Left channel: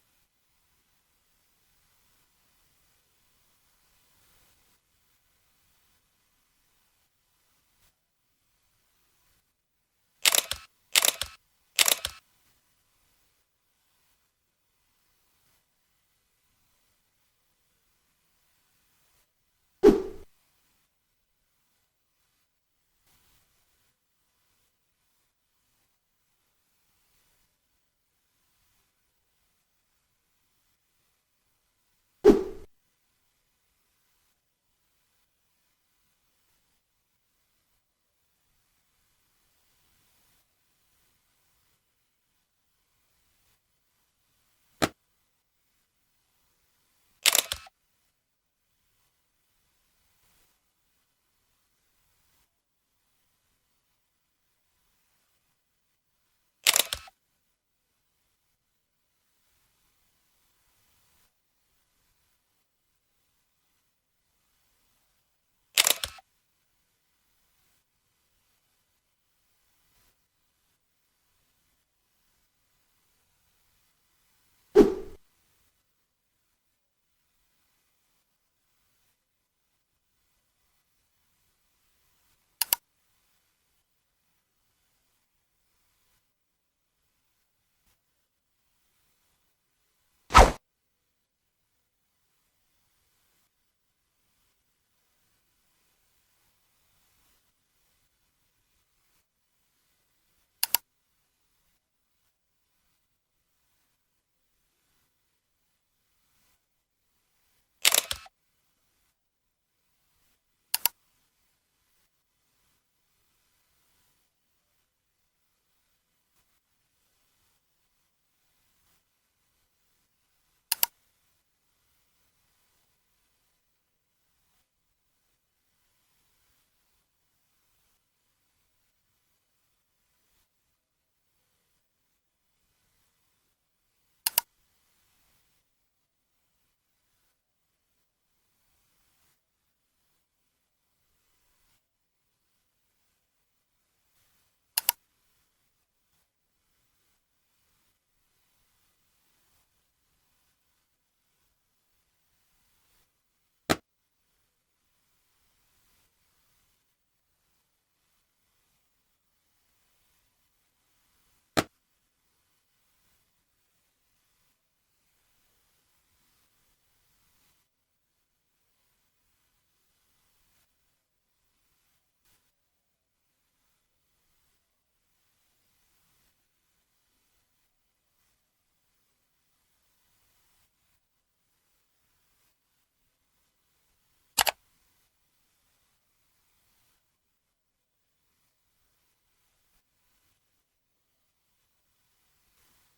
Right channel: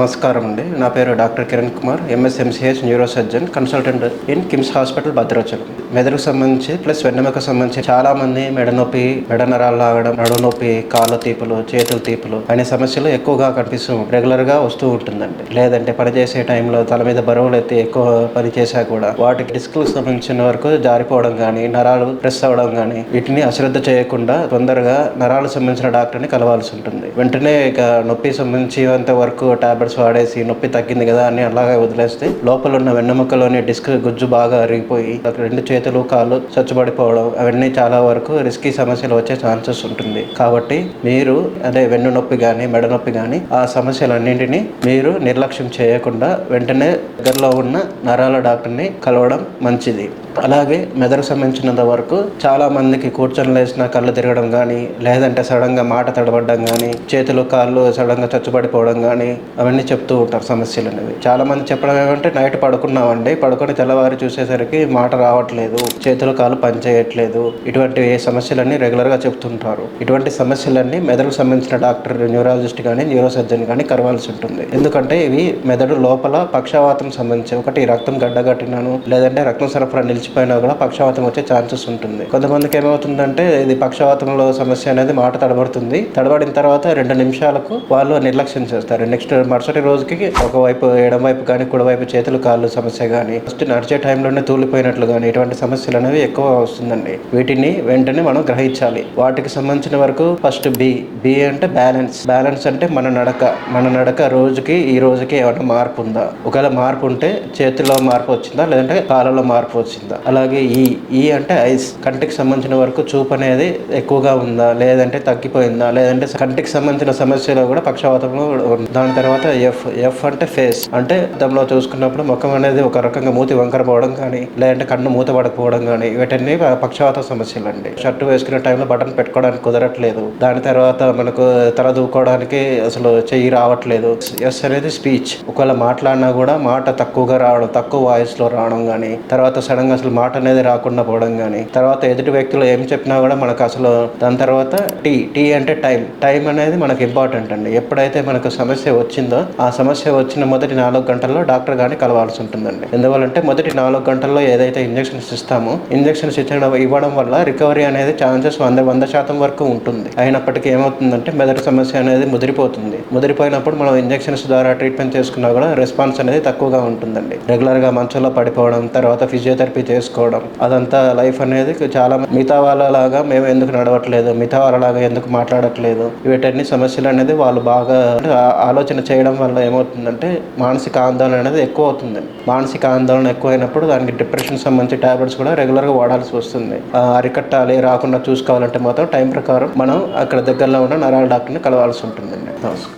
నమస్కారం అండి. నా పేరు doctor Kiran Kumar, MS MCh neuro surgeon, consultant in KIMS hospital Bhadrachalam. మెదడుకు సంబంధించి ప్లస్ వెన్నెముకకు సంబంధించి చాలా మంది మెడ నొప్పి, మెడ నరాలు లాగడం, నడుము నొప్పి, కాళ్ళ తీపులు, చేతుల తీపులు అనే సమస్యలు ఎక్కువగా కనిపిస్తూ రెగ్యులర్గా వస్తూ ఉంటుందండి. లేదంటే పనిచేసే టైంలో తల మీద బరువులు ఎత్తి ఎక్కువ పని చేశా కూడా వాటికి డిస్క్లకు సంబంధించిన వరకు జారిపోవడం కానీ, నరాలు ప్రెస్ అవ్వడం కానీ వీటిని అశ్రద్ధ చేయకుండా తొందరగా నరాలకు సంబంధించిన డాక్టర్ని కలవాల్సి ఉంటుంది. వెంటనే ఇక నొప్పి సంబంధించినంత వరకు టాబ్లెట్స్ వాడేసి నొప్పి తగ్గింది కదా అని అలాగే వదిలేస్తే లోపల ఉన్న వెన్నెముకలోని డిస్క్ గుజ్జు బాగా అరిగిపోయి రెండు చేతులు కాళ్ళు చచ్చుబడిపోవడం అవన్నీ చాలా వరకు రిస్కీ సమస్యలు వచ్చే ఛాన్సెస్ ఉంటుంది. కాబట్టి మీరు అదే వెన్ను నొప్పి కానీ మెడ నొప్పి కానీ ఆ సమస్యలన్నింటినీ మీరు నిర్లక్ష్యం చేయకుండా వెంటనే దగ్గరలో ఉన్న నరాల డాక్టర్ని కలవడం మంచిది. అలాగే మెదడుకు సంబంధించినంత వరకు చాలా మందికి కూర్చొని లేచిన కళ్ళు తిరగడం కానీ, లేదంటే సడన్గా మాట తడబడడం కానీ, చేతులు కాళ్ళు సడన్గా చచ్చుబడిపోవడం కానీ అవన్నీ చెప్తూ ఉంటారు సమస్యలు అనేవి. చాలా మంది చెప్పడం ఏమంటే నైట్ పడుకున్నామండి, పడుకొని తెల్లవారి చూసేసరికి మాట రావట్లేదు, చేతులు కాళ్ళు పనిచేయట్లేదు, ఇటువంటి సమస్యలన్నీ రెగ్యులర్గా చెప్తుంటారు. ఇటువంటి సమస్యలన్నీ మెదడుకు సంబంధించిన డాక్టర్, న్యూరాలజిస్ట్ కానీ న్యూరో సర్జన్ కానీ కలవాల్సి ఉంటుంది. ఎందుకంటే ఇవి మెదడు లోపల పక్షవాతం సంబంధించి ఒకటి రక్తం గడ్డగట్టినాను లేదంటే రక్తం సరఫరా నిలిచిపోయినా కూడా పక్షవాతం వచ్చే ఛాన్సెస్ ఉంటుంది. కొంతమందికి ఏమవుతుందంటే ఇది పక్షవాతంలో సమస్య అనేది మాట తడబడుతుంది. తడబడిన తర్వాత 2 నిమిషాలకు వాళ్ళు నిర్లక్ష్యం చేస్తారు. నెక్స్ట్ మరుసటి రోజుకి ఒకవైపు ఎడం వైపు కానీ కుడివైపు చేతులు కాళ్ళు సమస్య కానీ, ఫస్ట్ నడిచే టైంలోనే తూలిపోయినట్లు కానీ ఇటువంటి సమస్యలు అనేవి ఎక్కువ వస్తుందండి. వీటిని వెంటనే మనం గ్రహించాలి. వాటికి సంబంధించిన వరకు ఫస్ట్ బి అంటే బ్యాలెన్స్ అంటే మన నడక రోజుకి ఈ రోజుకి ఏమైనా మార్పు ఉందా, ఒకవేళ మార్పు ఉంటే చేతుల్లో మార్పు వచ్చిందా లేదంటే కాళ్ళలో మార్పు వచ్చిందా. అలాగే ఈ అంటే ఐస్, కంటికి సంబంధించిన వరకు చూపు అనేది ఎక్కువగా ఉందా లేదంటే తగ్గిపోయిందా, లేదంటే కంటికి సంబంధించిన సమస్యలో కూడా పక్షవాతంలో. దాని తర్వాత ఎఫ్ అంటే ఫేస్, అంటే అద్దంలో చూసుకున్నప్పుడు ముఖం అనేది ఒక రకంగా మూతి వంకర పోవడం కానీ, లేదంటే కన్ను మూత పడకపోవడం కానీ ఇవన్నీ పక్షవాత సమస్యలు అండి. షర్టు వేసుకునే టైంలో బటన్ పెట్టుకోవడానికి కుదరట్లేదు. దాని తర్వాత మనకు తల దూకోవడానికి అసలు చెయ్యి రావట్లేదు. ఎస్ అనేది స్పీచ్, ఒకవేళ మాట్లాడినా కూడా మాట తక్కువగా రావడం, తక్కువ వాయిస్లో రావడం కానీ, తర్వాత సడన్గా అసలు మాట అనేది రాకుండా పోవడం కానీ, తర్వాత ఎదుటి వ్యక్తులు ఏం చెప్పినా కూడా మనకు అసలు. దాని తర్వాత టీ అంటే టైం అనేది మనకు ఇంపార్టెంట్ అండి. ఎప్పుడైతే మనకు సమస్య వచ్చిందో ఆ సమస్య వచ్చిన మొదటి 4 గంటల్లో డాక్టర్ గాని కలవాల్సి ఉంటుందండి. ఎందువల్లంటే మొదటి 4 గంటల్లో ఏదైతే ఇంజెక్షన్స్ ఇస్తామో ఇంజెక్షన్స్ ఇవ్వడం వల్ల రికవరీ అనేది ఛాన్సెస్ 100% వరకు ఉంటుంది. అయినప్పటికీ ఏమవుతుందంటే మెదడు సమస్య అనేది ముదిరిపోయినప్పుడు మనం ఇంజెక్షన్స్ ద్వారా ట్రీట్మెంట్ చేసుకున్నా కూడా రెస్పాన్స్ అనేది తక్కువగా ఉంటుందండి. రెగ్యులర్గా మంచంలో పడిపోవడం, తర్వాత ఫిజియోథెరపీ చేసుకోవడం, అదంతా లైఫ్ అనేది చాలా మిగతా వాళ్ళలాగా మేము ఎందుకు నడవట్లేదు, మిగతా వాళ్ళలాగా ఎందుకు మాట్లాడట్లేదు, వీటన్ని సమస్యలు అనేది వాళ్ళు బాగా ఆలోచన చేయడం వల్ల ఏమవుతుందంటే మానసిక ఆందోళన అనేది ఎక్కువ అవుతుందండి. మానసిక ఆందోళన ఎక్కువైనప్పుడు దానికి డిప్రెషన్ సంబంధించి టాబ్లెట్స్ కూడా రెగ్యులర్గా వాడాల్సి వస్తుంది. అరికట్టాలి, రాకుండా చూసుకోవాలంటే మాత్రం టైం ప్రకారం మనం అక్కడ దగ్గరలో ఉన్న నరాల డాక్టర్ని కలవాల్సి ఉంటుందండి. నమస్కారం.